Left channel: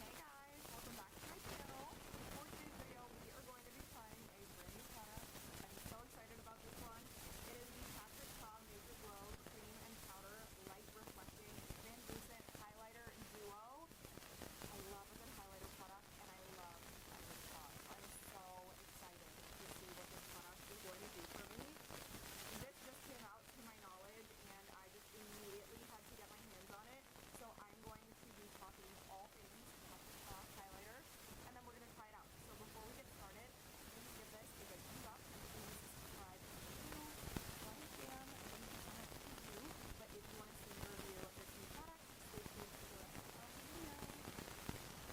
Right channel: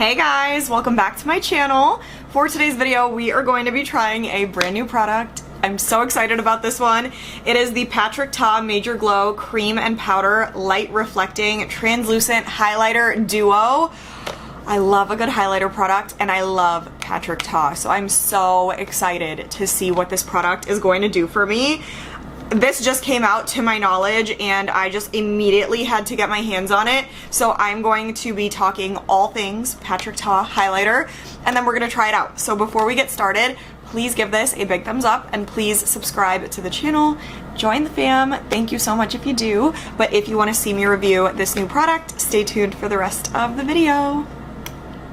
Hey guys, welcome back to my channel. For today's video, we are going to be trying a brand new product. I'm so excited about this one. It is the Patrick Ta Major Glow Cream and Powder Light Reflecting Translucent Highlighter Duo. I love a good highlighter product and I love Patrick Ta, so I'm so excited to see what this product is going to do for me. This just came out to my knowledge and I just immediately had to get my hands on it. So I'm going to be talking all things Patrick Ta highlighter and then we're gonna try it out. So before we get started, please give this a big thumbs up and please subscribe to the channel. Join the fam. Thank you so much if you do. But if you wanna see me review this new product, stay tuned for the rest of the video.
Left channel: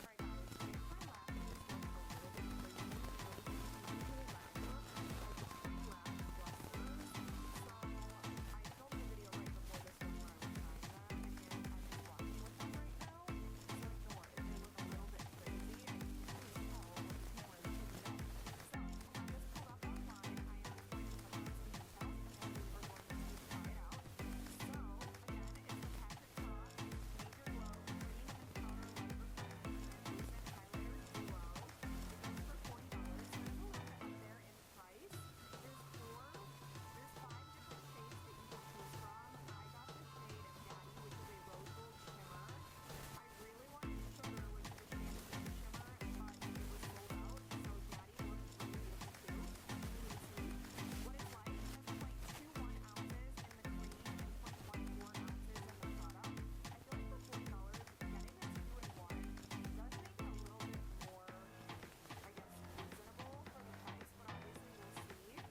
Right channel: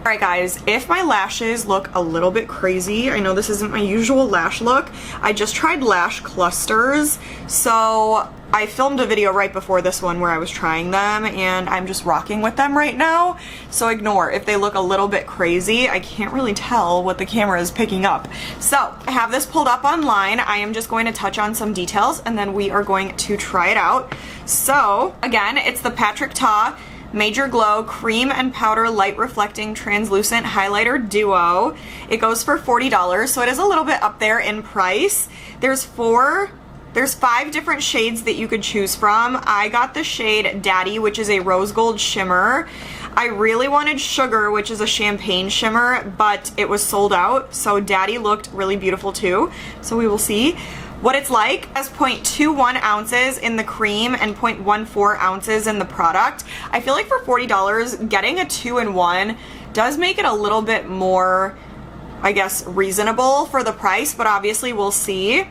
Alright guys, if my lashes look a little bit crazy, I know this isn't my usual lash look. I just tried lash clusters, so I filmed a video right before this one where I was trying them and I'm just rocking with them right now. So ignore if they look a little bit crazy. I can't really tell what the camera is picking up. So I have this pulled up online. I am just going to touch on some details and then we are going to try it out. So again, it's the Patrick Ta Major Glow Cream and Powder Light Reflecting Translucent Highlighter Duo. It goes for $40, so it is a little bit up there in price. There's 5 different shades that you could choose from. I got the shade Daddy, which is a rose gold shimmer. I really wanted Sugar, which is a champagne shimmer, but it was sold out, so Daddy looked really beautiful too. So we will see what it's like. It has 0.21 ounces in the cream and 0.14 ounces in the product. I feel like for $40, getting a 2-in-1 does make it a little bit more, I guess, reasonable for the price, but obviously we'll see.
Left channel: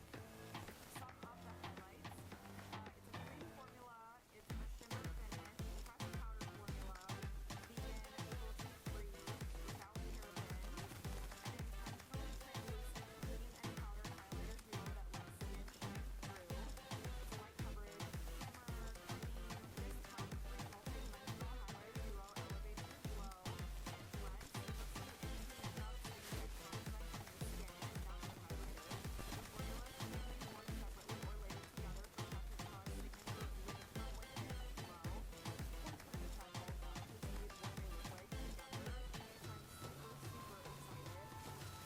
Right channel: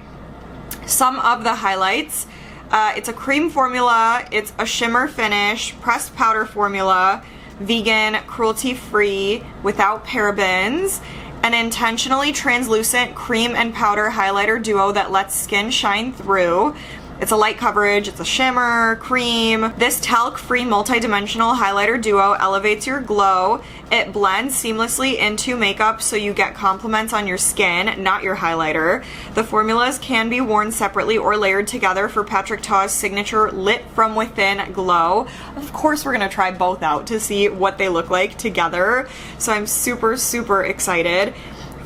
Some of the highlights, it's a cream formula, it's a shimmer finish, pressed powder formula, vegan, cruelty-free, without parabens, an intentionally translucent cream and powder highlighter duo that lets skin shine through. It's a light coverage, it's a shimmer, cream. This talc-free multi-dimensional highlighter duo elevates your glow. It blends seamlessly into makeup so you get compliments on your skin, not your highlighter. The formulas can be worn separately or layered together for Patrick Ta's signature lit from within glow. Of course we're gonna try both out to see what they look like together. So I'm super, super excited.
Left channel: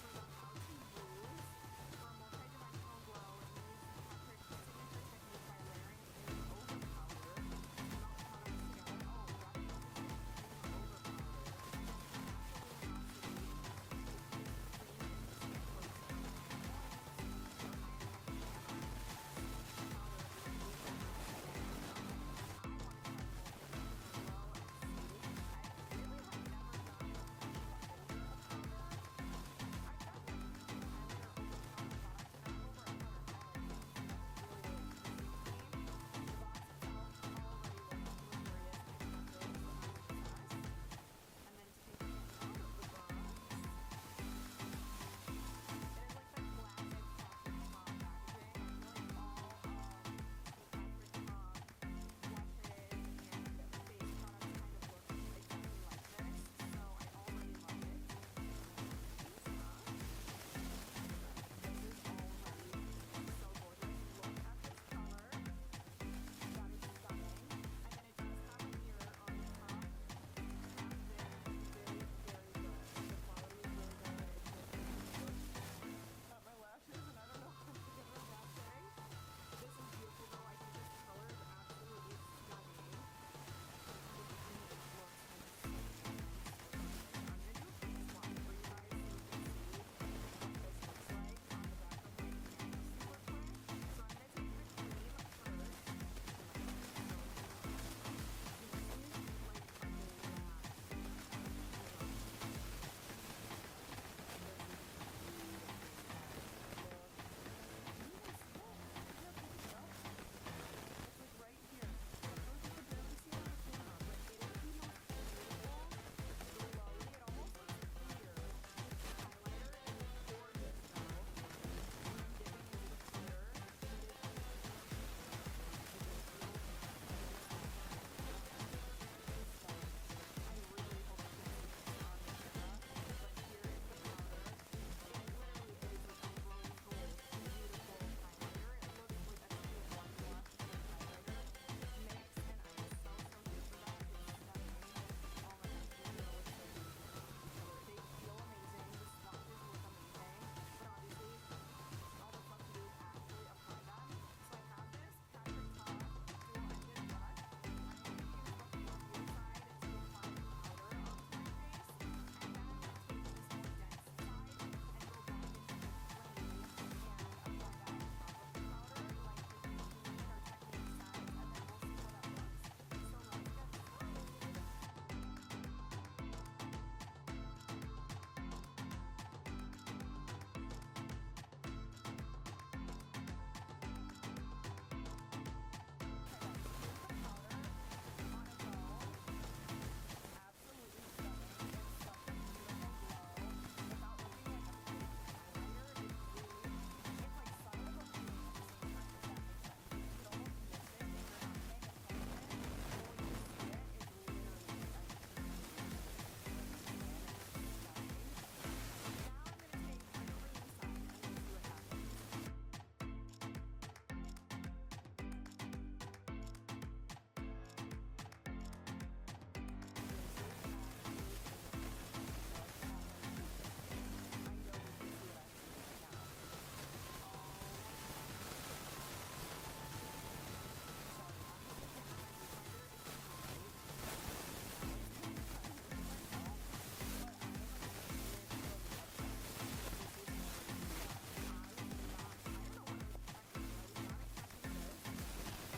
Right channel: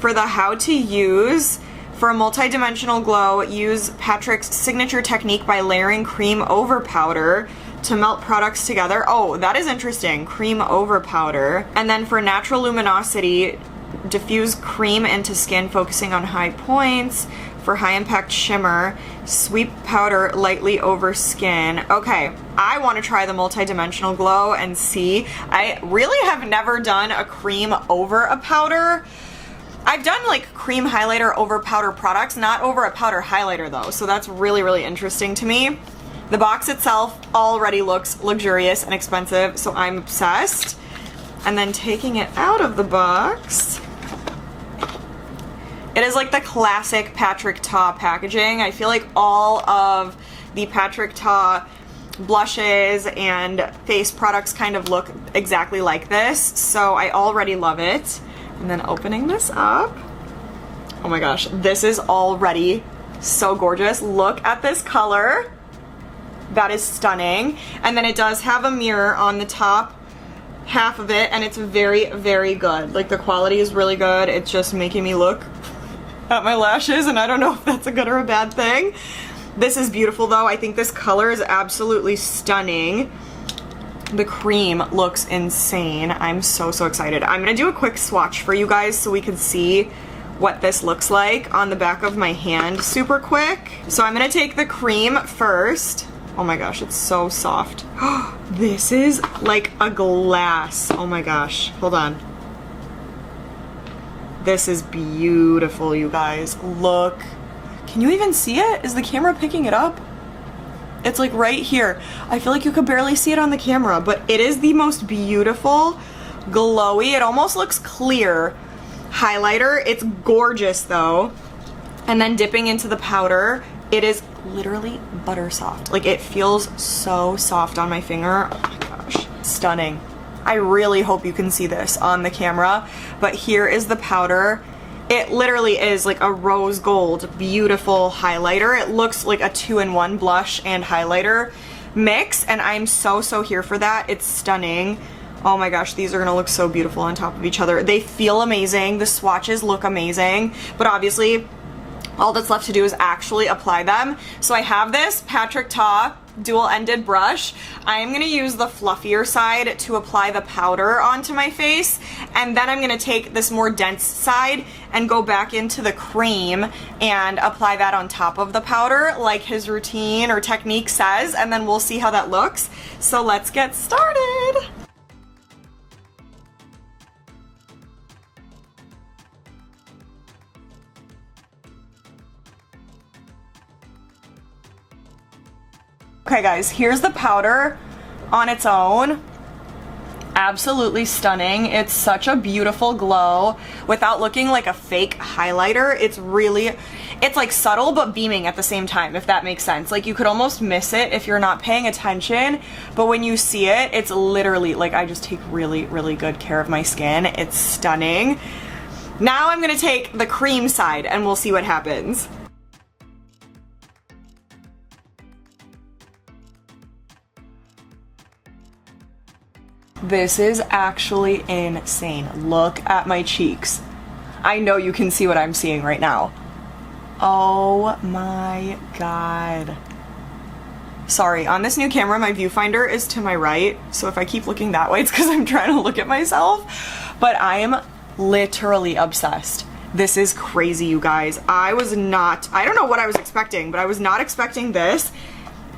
For the how to use, for a multi-dimensional glow, use Patrick's signature technique by layering cream over powder to melt products together. Oh, that is interesting. Cream over powder. And then for natural luminosity, diffuse cream into skin, focusing on high points. For high impact shimmer, sweep powder lightly over skin. Okay, I want to try the multi-dimensional glow and see. I really have never done a cream over a powder. I've done like cream highlighter over powder products, not over a powder highlighter though, so that's really, really interesting to me. The box itself already looks luxurious and expensive, so I'm obsessed. And then taking it out of the box, it is like the classic Patrick Ta packaging. I feel like all of the Patrick Ta blushes and face products kind of look exactly like this, so I already love it. And then opening this up, oh my gosh, this is already so gorgeous. Look at this color. That is stunning. And then it does have a mirror on the top half of it, and it's very, very good. Like the quality is really good. It's just making me look at my lashes, and I don't know if that's a good or a bad thing. This is beautiful though. I think this color is absolutely stunning. The cream looks insane. I'm so, so excited. I'm gonna do a quick swatch for you guys so we can see what this looks like on the back of my hand super quick. So I'm gonna take the cream first. Oh my gosh, it's so soft. This is like a glass. Oh my gosh, hold on. This is beautiful, you guys. Look. Can you even see it? Is the camera picking it up? It's like right here. I feel like you could barely see it on the camera, but it is the most beautiful, glowy, it almost looks clear highlighter. It's gorgeous though. And then dipping into the powder, it is literally butter soft. Like it feels so soft on my finger. Oh my gosh, stunning. I really hope you can see this on the camera, but here is the powder. It literally is like a rose gold, beautiful highlighter. It looks like a 2-in-1 blush and highlighter mix, and I'm so, so here for that. It's stunning. Oh my gosh, these are gonna look so beautiful on top of each other. They feel amazing. The swatches look amazing, but obviously all that's left to do is actually apply them. So I have this Patrick Ta dual-ended brush. I'm gonna use the fluffier side to apply the powder onto my face, and then I'm gonna take this more dense side and go back into the cream and apply that on top of the powder like his routine or technique says, and then we'll see how that looks. So let's get started. Okay guys, here's the powder on its own. Absolutely stunning. It's such a beautiful glow without looking like a fake highlighter. It's like subtle but beaming at the same time, if that makes sense. Like you could almost miss it if you're not paying attention, but when you see it, it's literally like I just take really, really good care of my skin. It's stunning. Now I'm gonna take the cream side and we'll see what happens. This is actually insane. Look at my cheeks. I know you can see what I'm seeing right now. Oh my God. Sorry, on this new camera, my viewfinder is to my right, so if I keep looking that way, it's because I'm trying to look at myself, but I am literally obsessed. This is crazy, you guys. I don't know what I was expecting, but I was not expecting this.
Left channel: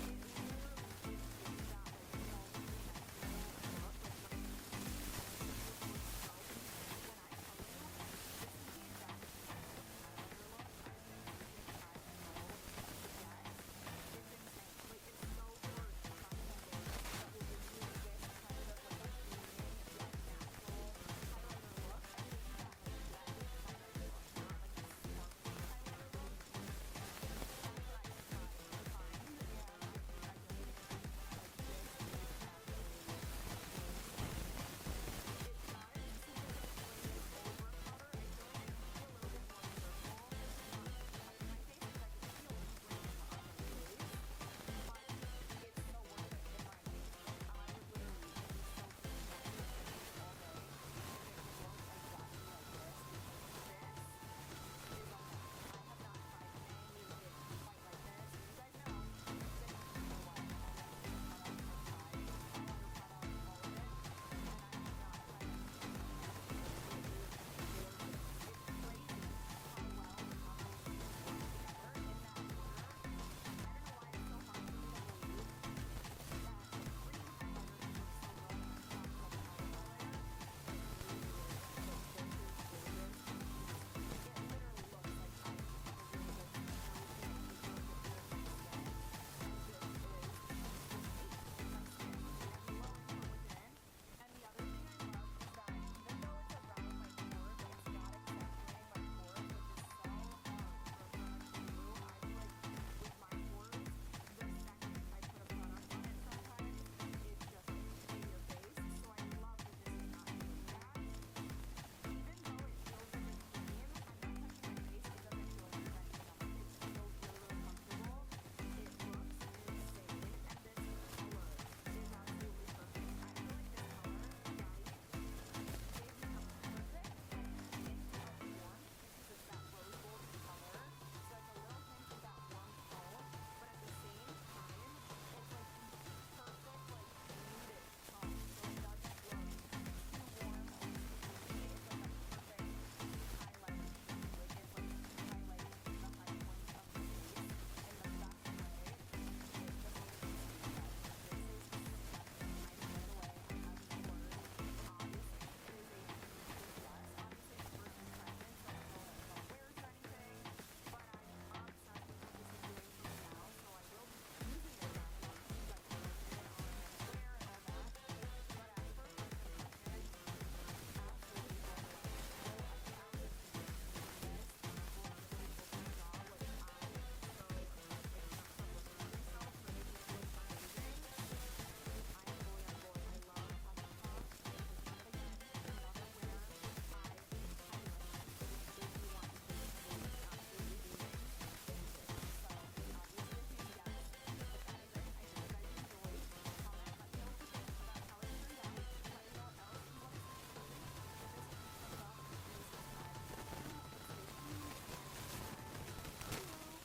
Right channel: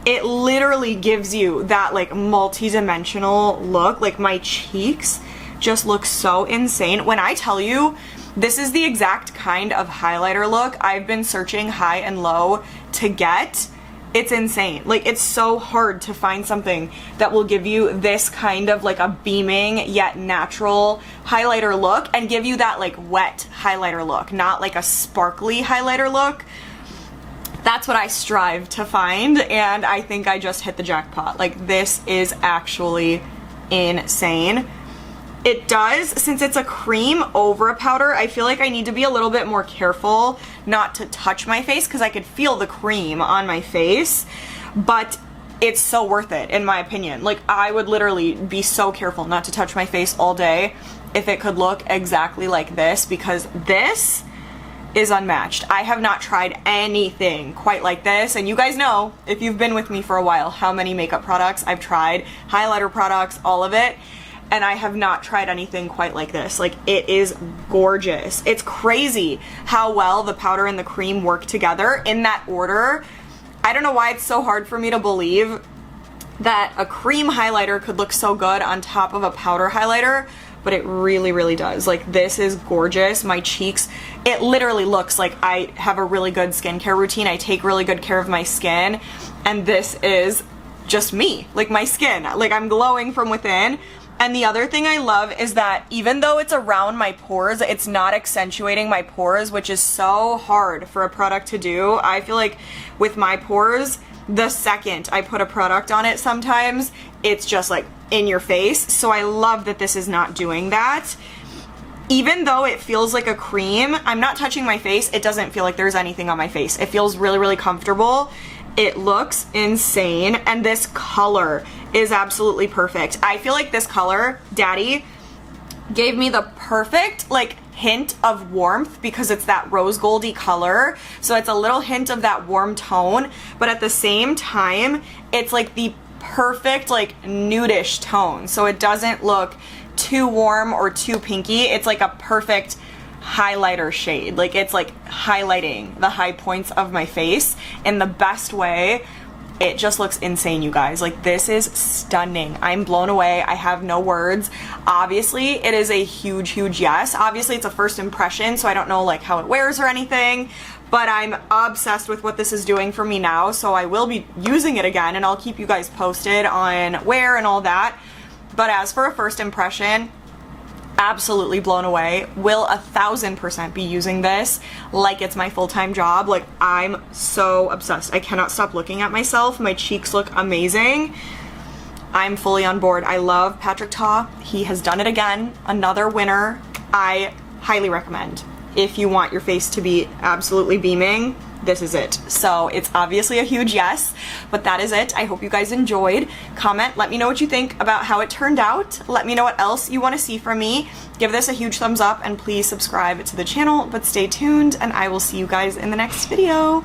It literally gives you that like multi-dimensional look. Like my cheeks just look so insane. When I tell you, this is the exact kind of highlighter look I've been searching high and low to get. It's insane. Like it's so hard to find something that will give you this kind of like a beaming yet natural highlighter look and give you that like wet highlighter look, not like a sparkly highlighter look. That's what I strive to find, and I think I just hit the jackpot. Like, this is actually insane. It does, since it's a cream over a powder, I feel like I need to be a little bit more careful not to touch my face because I could feel the cream on my face, but it's so worth it, in my opinion. Like, I would literally be so careful not to touch my face all day if it could look exactly like this, because this is unmatched. I have not tried anything quite like this, and you guys know, if you've been with me for a while, how many makeup products I've tried, highlighter products, all of it, and I have not tried anything quite like this. Like, it is gorgeous. It's crazy how well the powder and the cream work together in that order. I don't know why it's so hard for me to believe that a cream highlighter could look so good on top of a powder highlighter, but it really, really does. Like, this is gorgeous. My cheeks, it literally looks like I have a really good skincare routine. I take really good care of my skin, and this is just me, like my skin. Like, I'm glowing from within. And the other thing I love is that even though it's around my pores, it's not accentuating my pores, which is so hard for a product to do. I feel like with my pores, the second I put a product on it sometimes, it's just like in your face. So I love that this is not doing that. Even though it feels like a cream, I'm not touching my face. It doesn't feel like there's anything on my face. It feels really, really comfortable. It looks insane, and this color is absolutely perfect. I feel like this color, Daddy, gave me the perfect like hint of warmth because it's that rose goldy color. So it's a little hint of that warm tone, but at the same time, it's like the perfect like nudish tone. So it doesn't look too warm or too pinky. It's like a perfect highlighter shade. Like, it's like highlighting the high points of my face in the best way. It just looks insane, you guys. Like, this is stunning. I'm blown away. I have no words. Obviously, it is a huge, huge yes. Obviously, it's a first impression, so I don't know like how it wears or anything, but I'm obsessed with what this is doing for me now, so I will be using it again, and I'll keep you guys posted on wear and all that. But as for a first impression, absolutely blown away. Will 1000% be using this like it's my full-time job. Like, I'm so obsessed. I cannot stop looking at myself. My cheeks look amazing. I'm fully on board. I love Patrick Ta. He has done it again. Another winner. I highly recommend. If you want your face to be absolutely beaming, this is it. So it's obviously a huge yes, but that is it. I hope you guys enjoyed. Comment, let me know what you think about how it turned out. Let me know what else you want to see from me. Give this a huge thumbs up and please subscribe to the channel, but stay tuned and I will see you guys in the next video.